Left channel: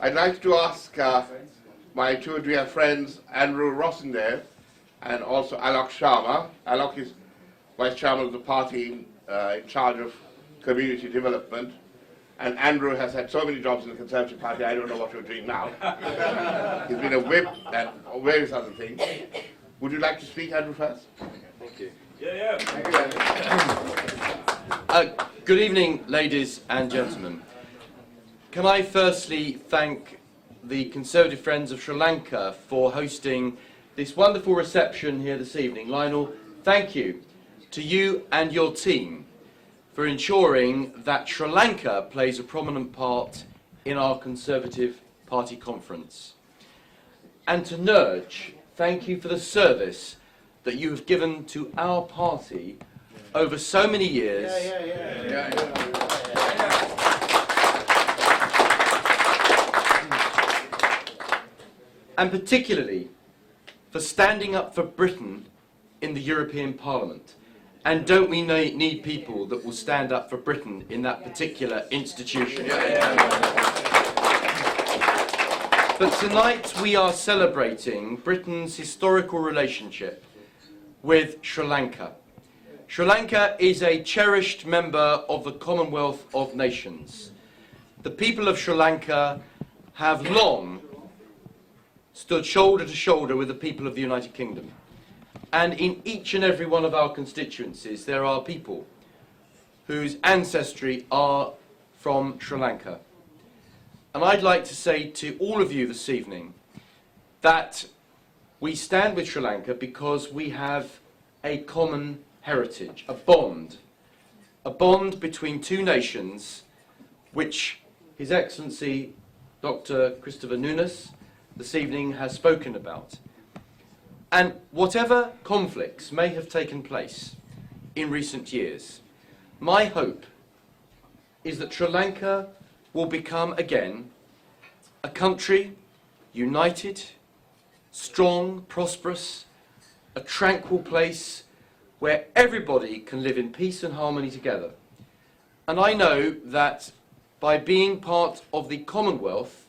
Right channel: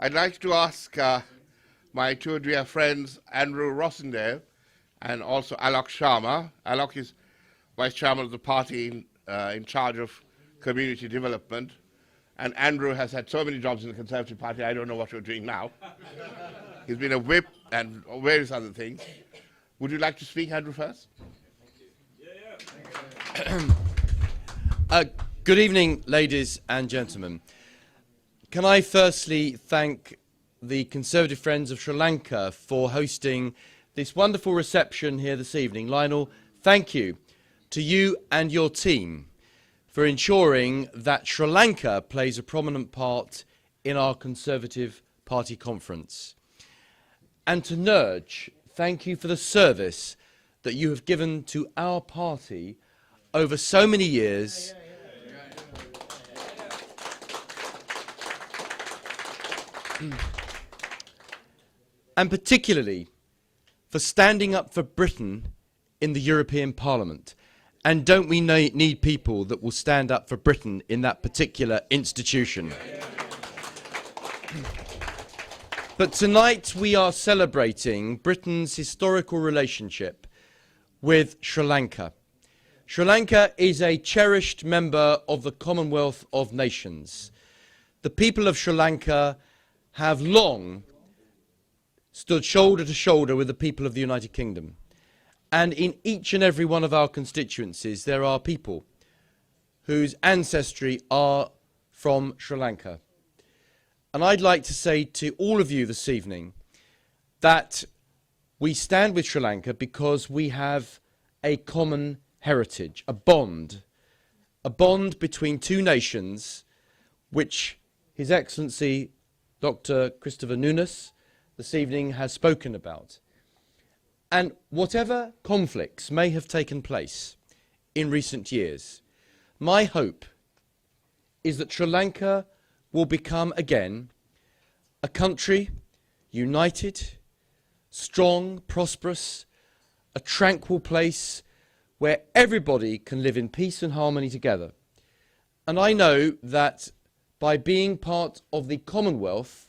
I'd like to ask my two dear friends, Andrew Rosindell and also Alok Sharma. Alok is Vice Chairman of the party in charge of community development. And Andrew has had so many jobs in the Conservative Party, I don't know what you're doing now. He's been a whip and various other things. Would you like to speak, Andrew, first? Thank you. Thank you, Andrew. Good evening, ladies and gentlemen. Can I firstly thank the Conservative Friends of Sri Lanka for hosting this wonderful reception here this evening. Lionel, thank you to you and your team for ensuring that Sri Lanka plays a prominent part in our Conservative Party conference. And to Nurj, thank you for the service that you have given to our party over so many years. And particularly for standing up for Britain in the European Parliament. And don't we need people that will stand up for Britain in that particular institution? But tonight we are celebrating Britain's historical relationship with Sri Lanka. Sri Lanka is a cherished member of the Commonwealth of Nations. The people of Sri Lanka have long stood shoulder to shoulder with the people of the United Kingdom. And in each and every one of our constituencies, there are people whose ancestry are from Sri Lanka. And I'd like to say to all of you this evening that we stand with Sri Lanka because we have a common heritage, a bond between two nations, which His Excellency Dr. Christopher Nunes this evening has spoken about. And whatever conflicts may have taken place in recent years, my hope is that Sri Lanka will become again a country united, strong, prosperous, a tranquil place where everybody can live in peace and harmony together. And I know that by being part of the Commonwealth,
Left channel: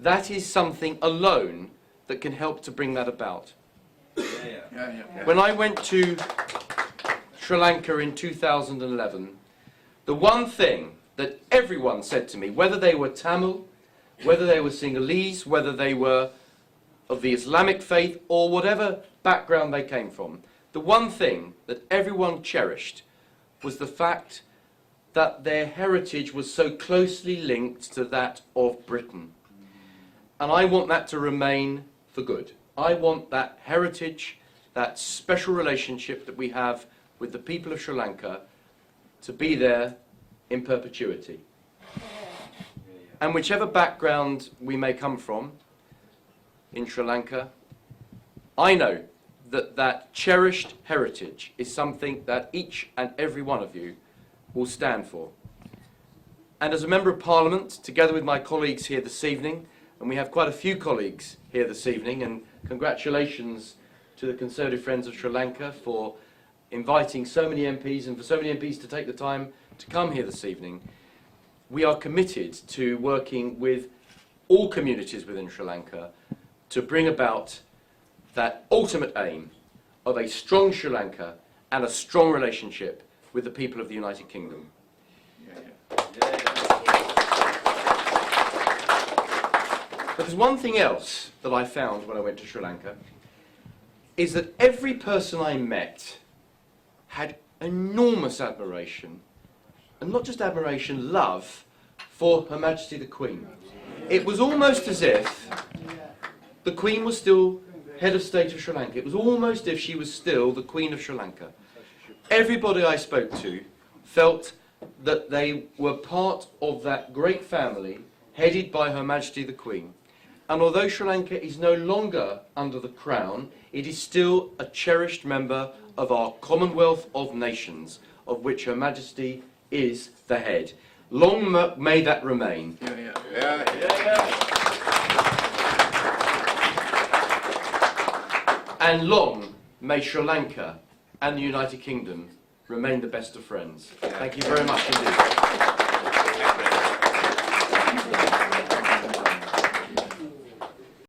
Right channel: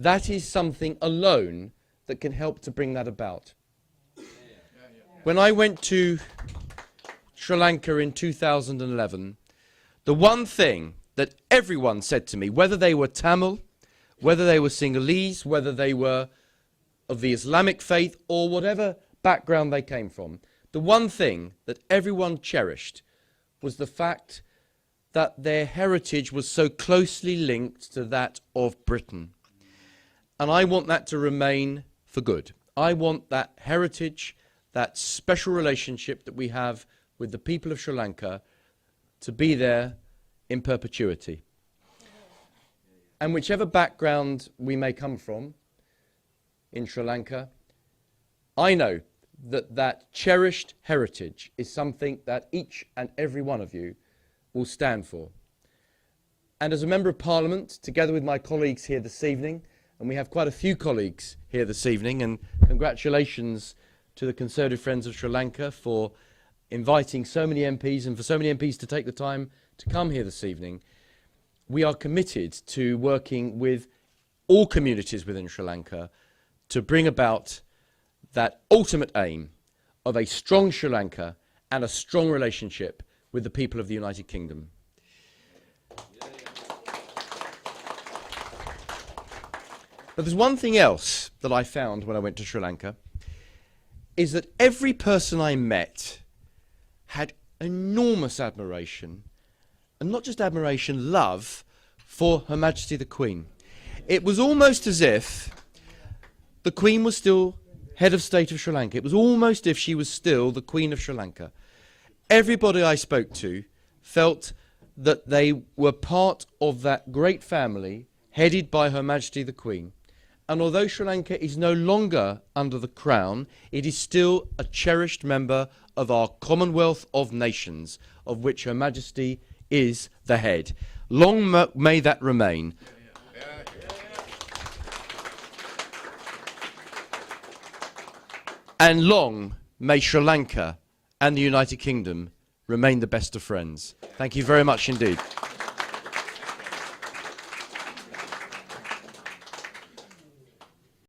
that is something alone that can help to bring that about. When I went to Sri Lanka in 2011, the one thing that everyone said to me, whether they were Tamil, whether they were Sinhalese, whether they were of the Islamic faith or whatever background they came from, the one thing that everyone cherished was the fact that their heritage was so closely linked to that of Britain. And I want that to remain for good. I want that heritage, that special relationship that we have with the people of Sri Lanka to be there in perpetuity. And whichever background we may come from in Sri Lanka, I know that that cherished heritage is something that each and every one of you will stand for. And as a Member of Parliament, together with my colleagues here this evening, and we have quite a few colleagues here this evening, and congratulations to the Conservative Friends of Sri Lanka for inviting so many MPs and for so many MPs to take the time to come here this evening. We are committed to working with all communities within Sri Lanka to bring about that ultimate aim of a strong Sri Lanka and a strong relationship with the people of the United Kingdom. But there's one thing else that I found when I went to Sri Lanka, is that every person I met had enormous admiration, and not just admiration, love for Her Majesty the Queen. It was almost as if the Queen was still head of state of Sri Lanka. It was almost as if she was still the Queen of Sri Lanka. Everybody I spoke to felt that they were part of that great family headed by Her Majesty the Queen. And although Sri Lanka is no longer under the Crown, it is still a cherished member of our Commonwealth of Nations, of which Her Majesty is the head. Long may that remain. And long may Sri Lanka and the United Kingdom remain the best of friends. Thank you very much indeed.